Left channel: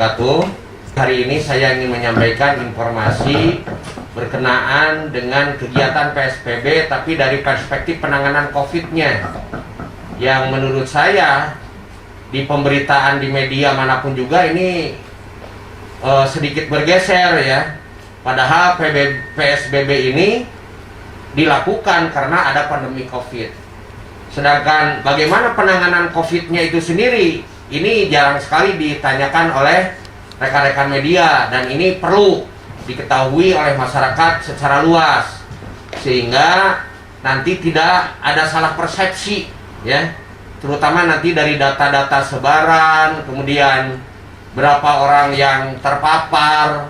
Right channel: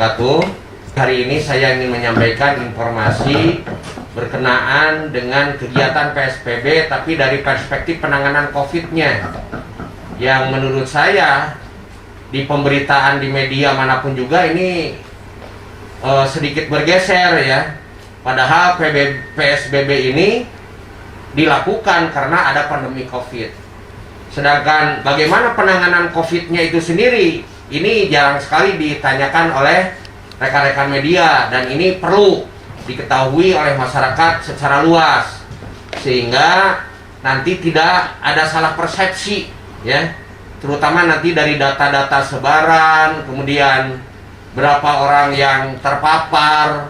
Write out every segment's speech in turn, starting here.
wabarakatuh. Hari ini saya ingin menyampaikan informasi berkenaan dengan kegiatan PSBB tapi dari perspektif penanganan COVID-nya, yang menurut saya di pemberitaan di media manapun juga ini sedikit bergeser ya. Padahal PSBB ini dilakukan karena ada pandemi COVID. Sedangkan bagaimana penanganan COVID-nya itu sendiri, ini jarang sekali ditanyakan oleh rekan-rekan media, dan ini perlu diketahui oleh masyarakat secara luas sehingga nanti tidak ada salah persepsi ya, terutama nanti dari data-data sebaran, kemudian berapa orang yang terpapar,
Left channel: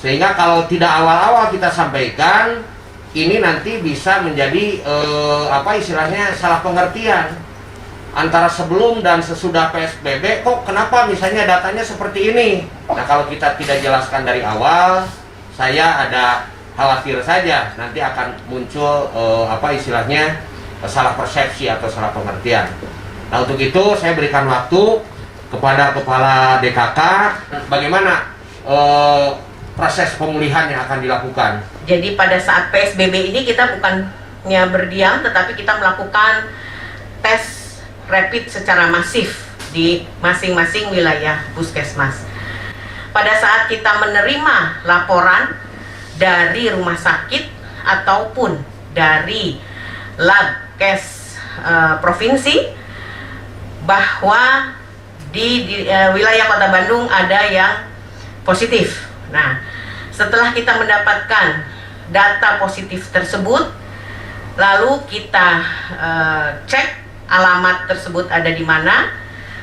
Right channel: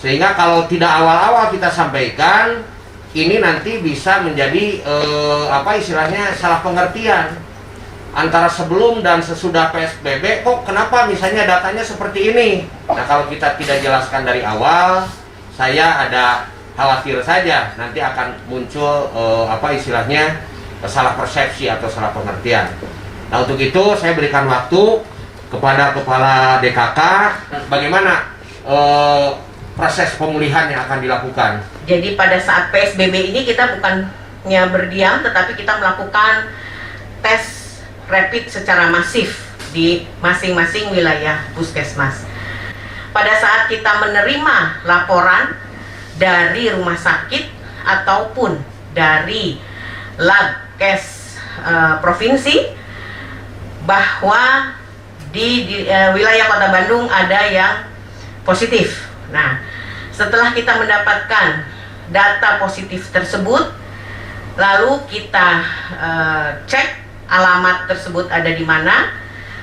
sehingga kalau tidak awal-awal kita sampaikan ini nanti bisa menjadi istilahnya salah pengertian antara sebelum dan sesudah PSBB. Kok kenapa misalnya datanya seperti ini? Nah, kalau kita tidak jelaskan dari awal, saya ada khawatir saja nanti akan muncul istilahnya salah persepsi atau salah pengertian. Nah, untuk itu saya berikan waktu kepada Kepala DKK bagaimana proses pemulihan yang akan dilakukan. Jadi pada saat PSBB ini kita bukannya berdiam, tetapi kita melakukan tes rapid secara masif di masing-masing wilayah puskesmas. Pada saat kita menerima laporan dari rumah sakit ataupun dari Labkes provinsi bahwa di wilayah Kota Bandung ada yang positif. Nah, setelah kita mendapatkan data positif tersebut, lalu kita cek alamat tersebut ada di mana.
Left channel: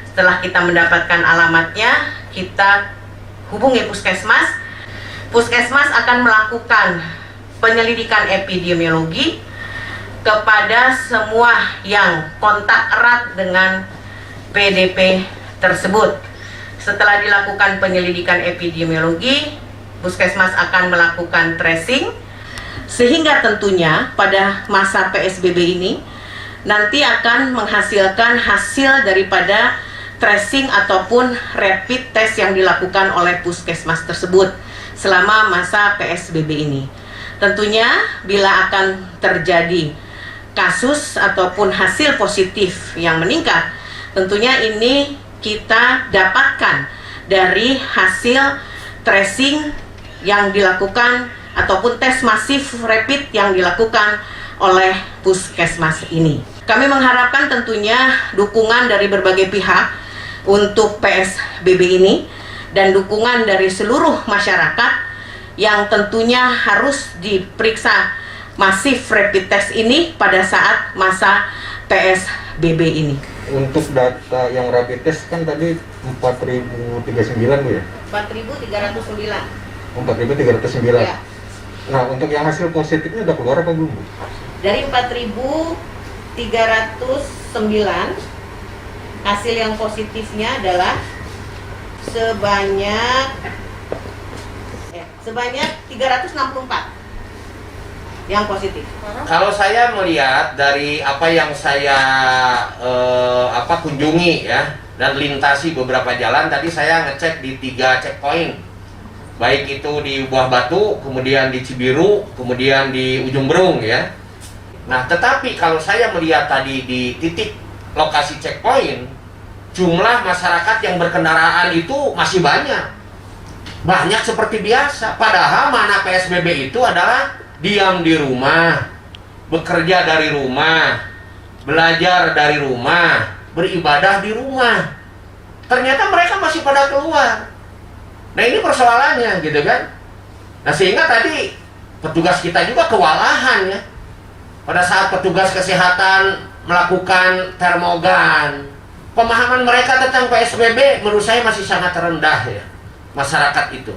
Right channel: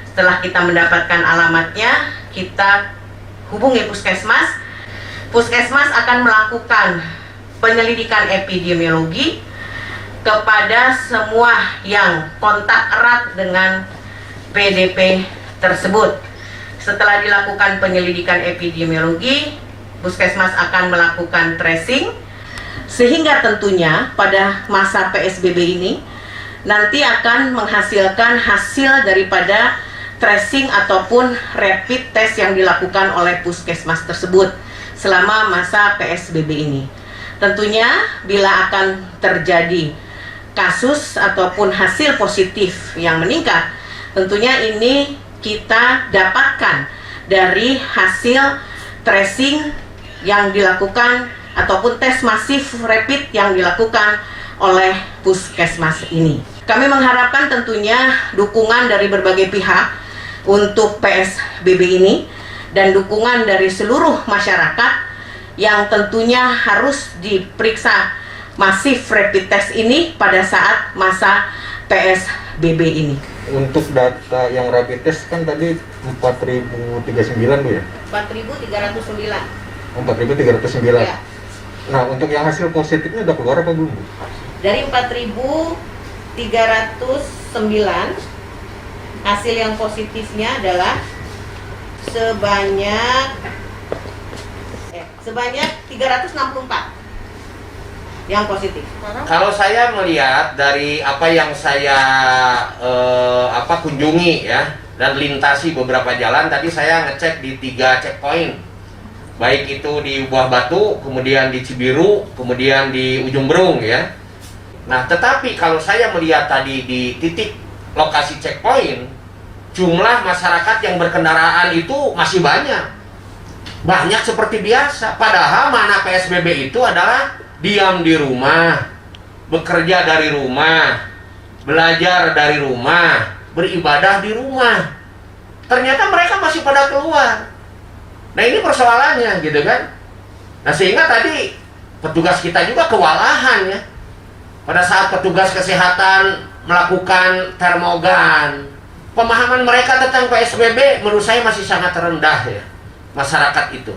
Setelah kita mendapatkan alamatnya, kita hubungi puskesmas. Puskesmas akan melakukan penyelidikan epidemiologi kepada semua yang kontak erat dengan PDP tersebut. Setelah dilakukan penyelidikan epidemiologi, puskesmas akan melakukan tracing, sehingga tentunya pada masa PSBB ini nanti akan menghasilkan hasil daripada tracing ataupun rapid test yang dilakukan oleh puskesmas tersebut selama masa PSBB ini. Tentunya bila akan terjadi kasus ataupun hasil positif yang meningkat, tentunya ini kita dapatkan dari hasil tracing yang dilakukan ataupun tes masif rapid yang dilakukan oleh puskesmas ini. Kami mengharapkan tentunya dukungan dari berbagai pihak untuk PSBB ini dan dukungan dari seluruh masyarakat yang tentunya harus diperiksa masif rapid test ini pada saat masa PSBB ini. Untuk data yang rapid test kan tadi 4.039 Bu ya? 4.309. 4.309. Ya. Nah, untuk yang hasil positifnya udah keluar apa belum Bu? Dari 4.309 hasil yang positifnya adalah sebanyak 364 yang positif. Kalau saya melihat dari apa yang saya kunjungi ya dan lintasi beberapa jalan, tadi saya ngecek di 3 checkpoint, baik itu di Buah Batu, kemudian di Cibiru, kemudian di Ujung Berung ya. Nah, tetapi kalau saya melihat tadi di titik lokasi checkpoint, jumlah masyarakat yang berkendaraan itu masih banyak seperti biasa. Padahal mana PSBB itu adalah diam di rumah, bekerja dari rumah, belajar dari rumah, beribadah di rumah. Ternyata mereka masih pada keluar. Nah, ini persoalannya gitu kan. Nah, sehingga tadi petugas kita juga kewalahan ya. Pada saat petugas kesehatan melakukan termogan, pemahaman mereka tentang PSBB menurut saya masih sangat rendah ya, masyarakat itu.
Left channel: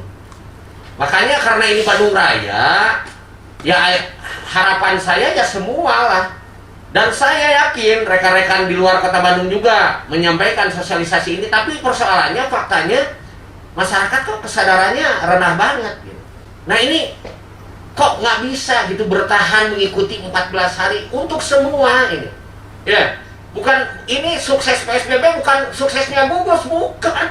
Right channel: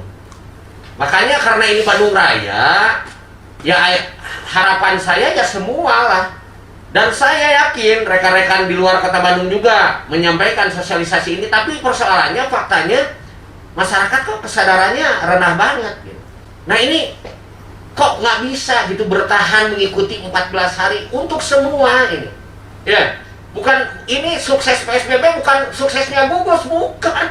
Makanya karena ini Bandung Raya, ya harapan saya ya semua lah. Dan saya yakin rekan-rekan di luar Kota Bandung juga menyampaikan sosialisasi ini, tapi persoalannya, faktanya masyarakat kok kesadarannya rendah banget gitu. Nah, ini kok nggak bisa gitu bertahan mengikuti 14 hari untuk semua ini ya. Bukan ini sukses PSBB, bukan suksesnya gugus, bukan.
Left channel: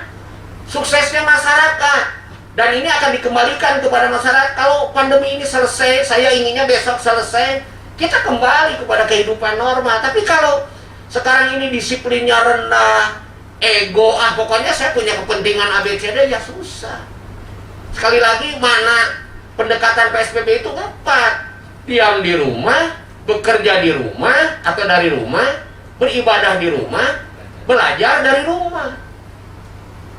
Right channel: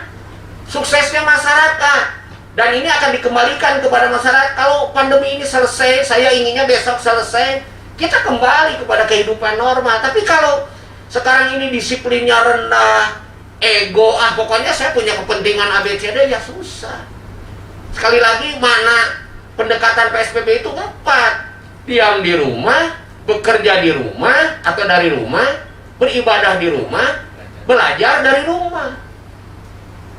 suksesnya masyarakat. Dan ini akan dikembalikan kepada masyarakat. Kalau pandemi ini selesai, saya inginnya besok selesai, kita kembali kepada kehidupan normal. Tapi kalau sekarang ini disiplinnya rendah, ego, pokoknya saya punya kepentingan ABCD, ya susah. Sekali lagi, mana pendekatan PSBB itu 4. Diam di rumah, bekerja di rumah atau dari rumah, beribadah di rumah, belajar dari rumah.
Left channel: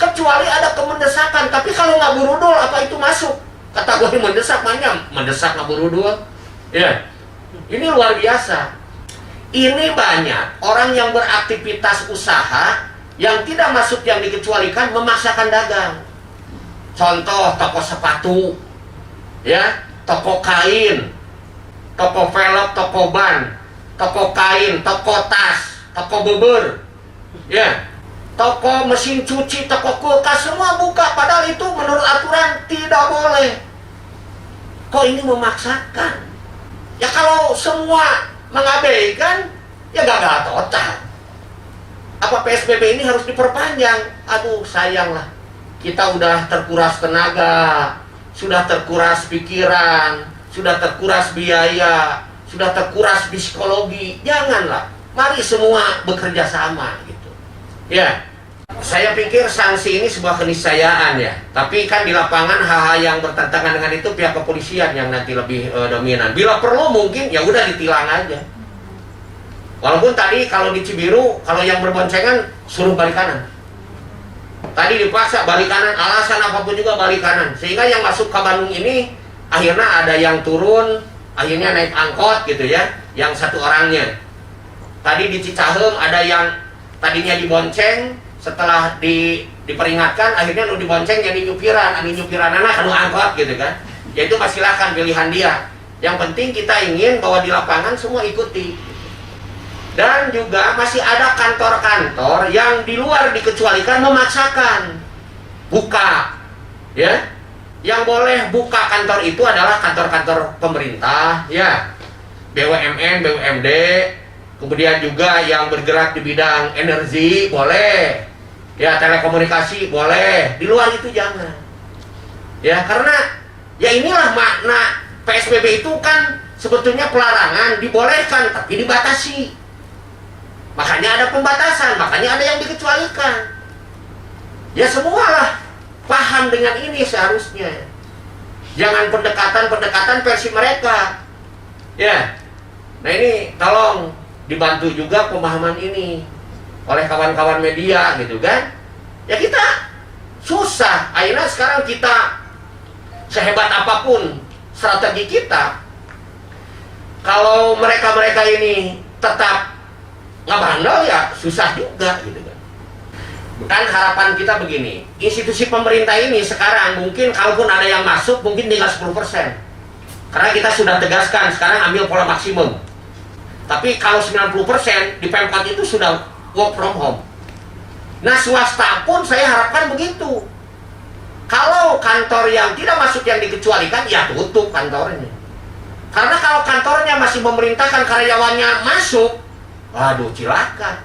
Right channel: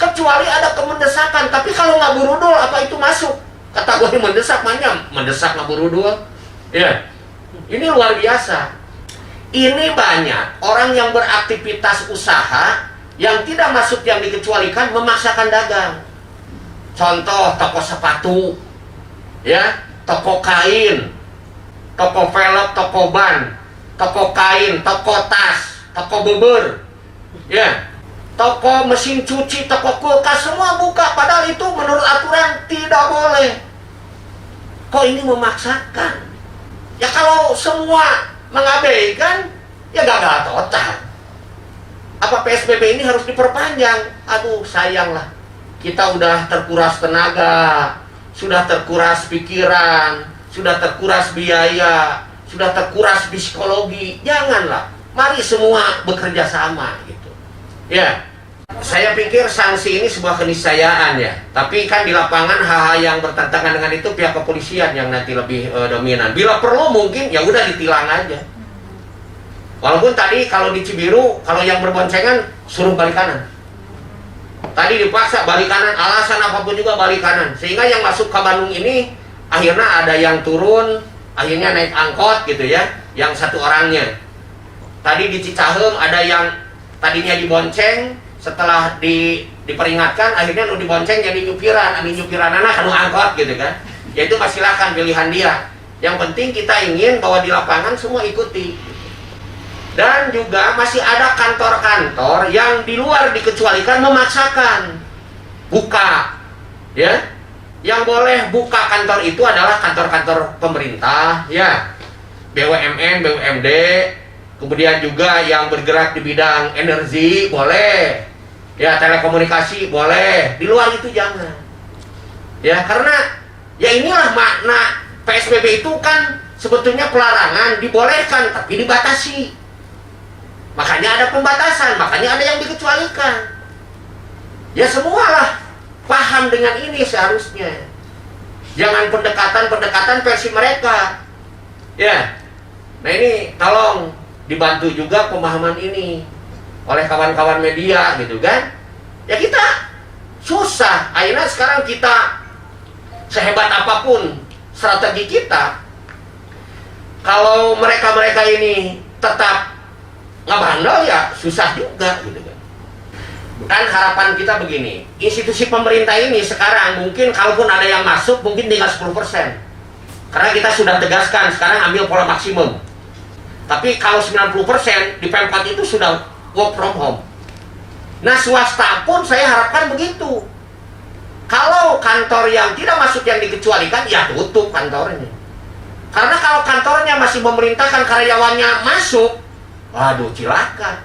Kecuali ada kemendesakan, tapi kalau nggak burudul, apa itu masuk kategori mendesak? Mendesak nggak burudul? Ya, ini luar biasa. Ini banyak orang yang beraktivitas usaha yang tidak masuk yang dikecualikan, memaksakan dagang. Contoh, toko sepatu, ya, toko kain, toko velg, toko ban, toko kain, toko tas, toko bubur, ya, toko mesin cuci, toko kulkas, semua buka. Padahal itu menurut aturan tidak boleh. Kok ini memaksakan? Ya kalau semua mengabaikan, ya gagal total. Apa PSBB ini harus diperpanjang? Aduh, sayanglah. Kita udah terkuras tenaga, sudah terkuras pikiran, sudah terkuras biaya, sudah terkuras psikologi. Janganlah. Mari semua bekerja sama gitu. Ya. Saya pikir sanksi ini sebuah keniscayaan ya. Tapi kan di lapangan hal-hal yang bertentangan dengan itu pihak kepolisian yang nanti lebih dominan. Bila perlu mungkin ya udah ditilang aja. Walaupun tadi kalau di Cibiru, kalau yang berboncengan suruh balik kanan. Tadi dipaksa balik kanan, alasan apapun juga balik kanan. Sehingga yang masuk ke Bandung ini akhirnya ada yang turun, akhirnya naik angkot gitu ya, yang satu orangnya. Tadi di Cicahem ada yang tadinya dibonceng, setelah diperingatkan akhirnya lu dibonceng jadi nyupiran, anak anu angkot gitu kan. Ya itu silakan pilihan dia. Yang penting kita ingin bahwa di lapangan semua ikuti. Dan juga masih ada kantor-kantor yang di luar dikecualikan, memaksakan buka. Ya. Yang boleh buka kantor itu adalah kantor-kantor pemerintah, ya. BUMN, BUMD, kemudian juga yang bergerak di bidang energi boleh. Ya, telekomunikasi boleh, di luar itu jangan. Ya, karena ya inilah makna PSBB itu kan sebetulnya pelarangan, dibolehkan tapi dibatasi. Makanya ada pembatasan, makanya ada yang dikecualikan. Ya semualah paham dengan ini seharusnya. Jangan pendekatan versi mereka. Ya. Nah ini tolong dibantu juga pemahaman ini oleh kawan-kawan media gitu kan. Ya kita susah. Akhirnya sekarang kita sehebat apapun strategi kita, kalau mereka-mereka ini tetap nggak bandel ya susah juga gitu kan. Kan harapan kita begini, institusi pemerintah ini sekarang mungkin kalaupun ada yang masuk mungkin tinggal 10%. Karena kita sudah tegaskan sekarang ambil pola maksimum. Tapi kalau 90% di Pemkot itu sudah work from home. Nah swasta pun saya harapkan begitu. Kalau kantor yang tidak masuk yang dikecualikan, ya tutup kantornya. Karena kalau kantornya masih memerintahkan karyawannya masuk, waduh cilaka.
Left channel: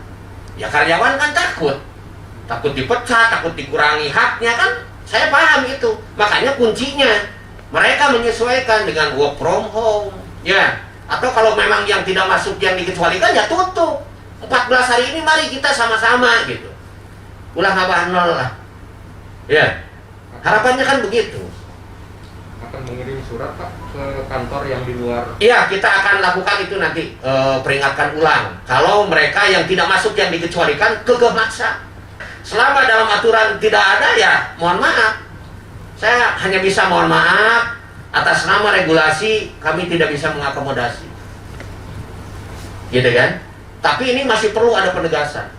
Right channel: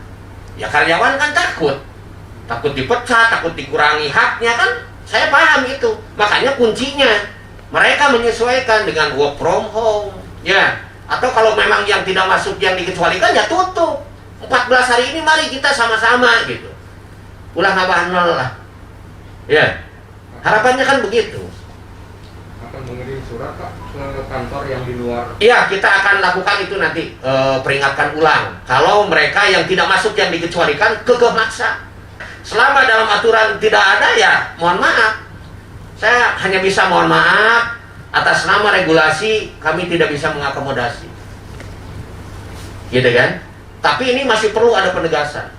Ya karyawan kan takut dipecat, takut dikurangi haknya kan. Saya paham itu. Makanya kuncinya mereka menyesuaikan dengan work from home. Ya. Atau kalau memang yang tidak masuk yang dikecualikan ya tutup. 14 hari ini mari kita sama-sama gitu. Ulah nambah nol lah. Ya. Harapannya kan begitu. Akan mengirim surat Pak ke kantor yang di luar. Iya, kita akan lakukan itu nanti peringatkan ulang. Kalau mereka yang tidak masuk yang dikecualikan kekeh maksa. Selama dalam aturan tidak ada ya mohon maaf. Saya hanya bisa mohon maaf. Atas nama regulasi kami tidak bisa mengakomodasi. Gitu kan? Tapi ini masih perlu ada penegasan.